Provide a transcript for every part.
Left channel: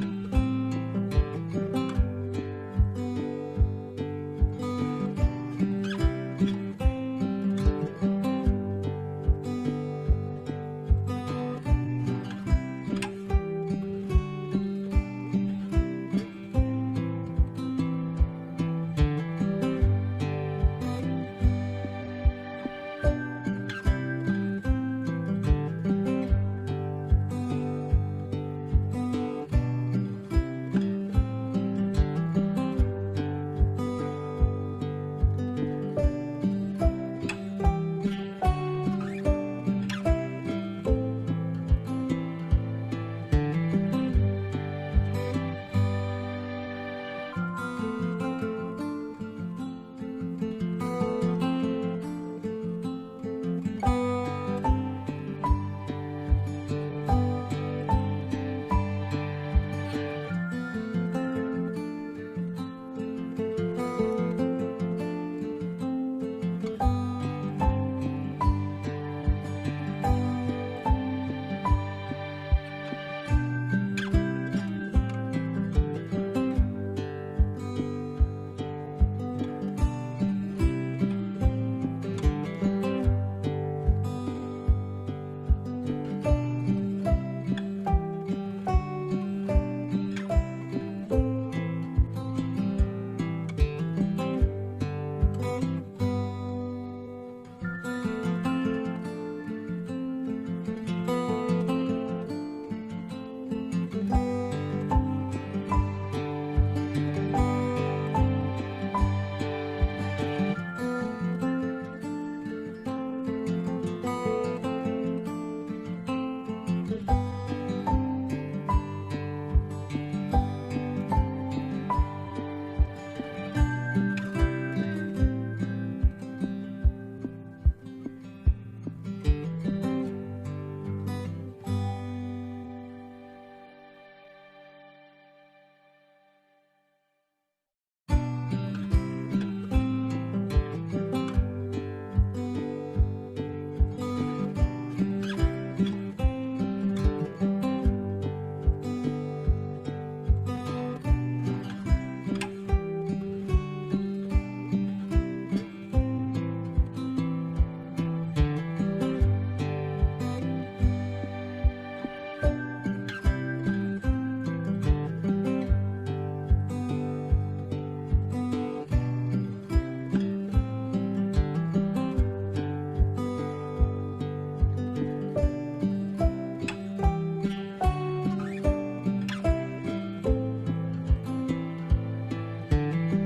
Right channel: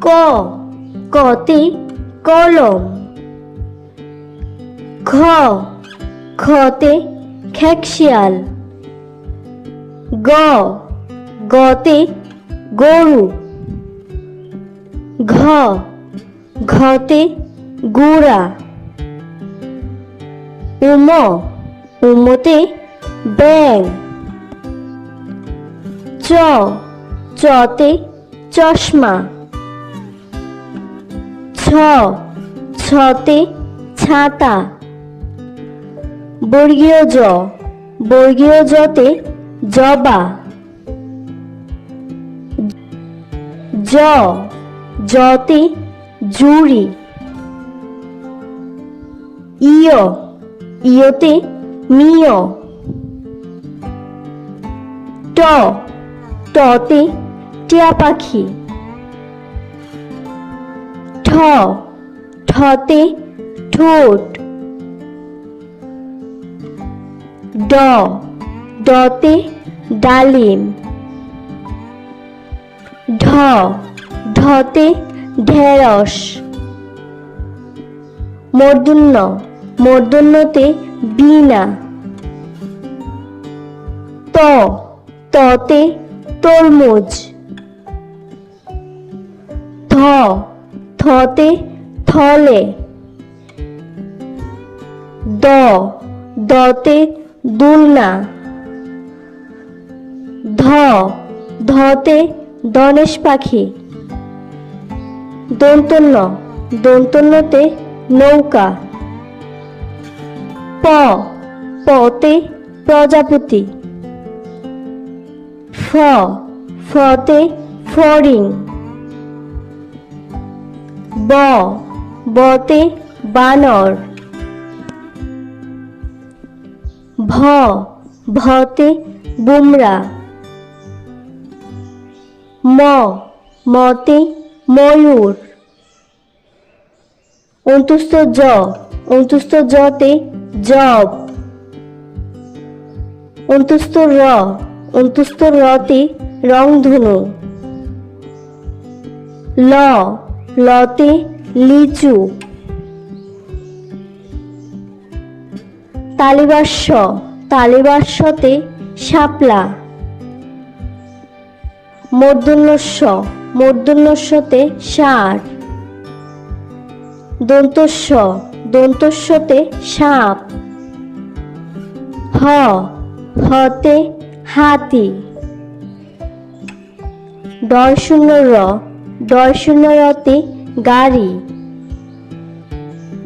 ক, কতে কলম। খ, খতে খেকশিয়াল। গ, গতে গরু। ঘ, ঘতে গুড়া। উম, উমতে ব্যাঙ। চ, চতে চশমা। ছ, ছতে ছাতা। বর্গীয় জ, বর্গীয় জতে জবা। জ, জতে জুড়ি। ইয়, ইয়তে মিয়। ট, টতে টিয়া পাখি। ঠ, ঠতে ঠোঁট। ড, ডতে ডালিম। ঢ, ঢতে ঢেঁড়স। মূর্ধন্য, মূর্ধন্যতে বীণা। ত, ততে তরমুজ। থ, থতে থলে। দ, দতে দুলনা। ধ, ধতে ধনেশ পাখি। দন্তন্য, দন্তন্যতে নৌকা। প, পতে প্রজাপতি। ফ, ফতে ফড়িং। ব, বতে বানর। ভ, ভতে বুমরা। ম, মতে ময়ূর। অন্তুস্থ জ, অন্তুস্থ জতে জব। অন্তুস্থ র, অন্তুস্থ রতে রংধনু। ল, লতে লিচু। তালিবাস্য, তালিবাস্যতে শাপলা। মূর্ধন্যস্ব, মূর্ধন্যস্বতে ষাঁড়। দন্তস্ব, দন্তস্বতে সাপ। হ, হতে হাতি। ডয়শূন্য র, ডয়শূন্য রতে গাড়ি।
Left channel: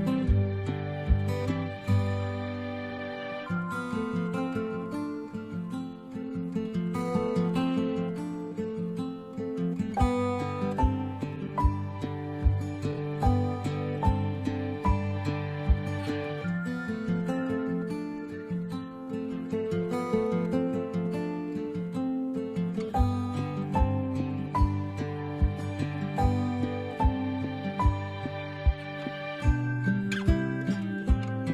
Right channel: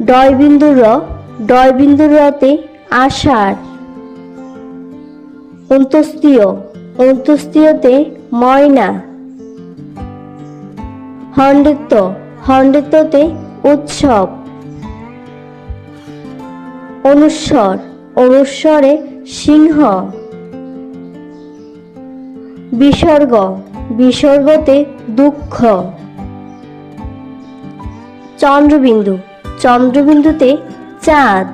ডয়বিন্দু র, ডয়বিন্দু রতে আষাঢ়। অন্তস্তীয়, অন্তস্তীয়তে ময়না। হন্ডিত্য, হন্ডিত্যতে উৎসব। অনুস্বর, অনুস্বরে সিংহ। বিসর্গ, বিসর্গতে দুঃখ। চন্দ্রবিন্দু, চন্দ্রবিন্দুতে চাঁদ।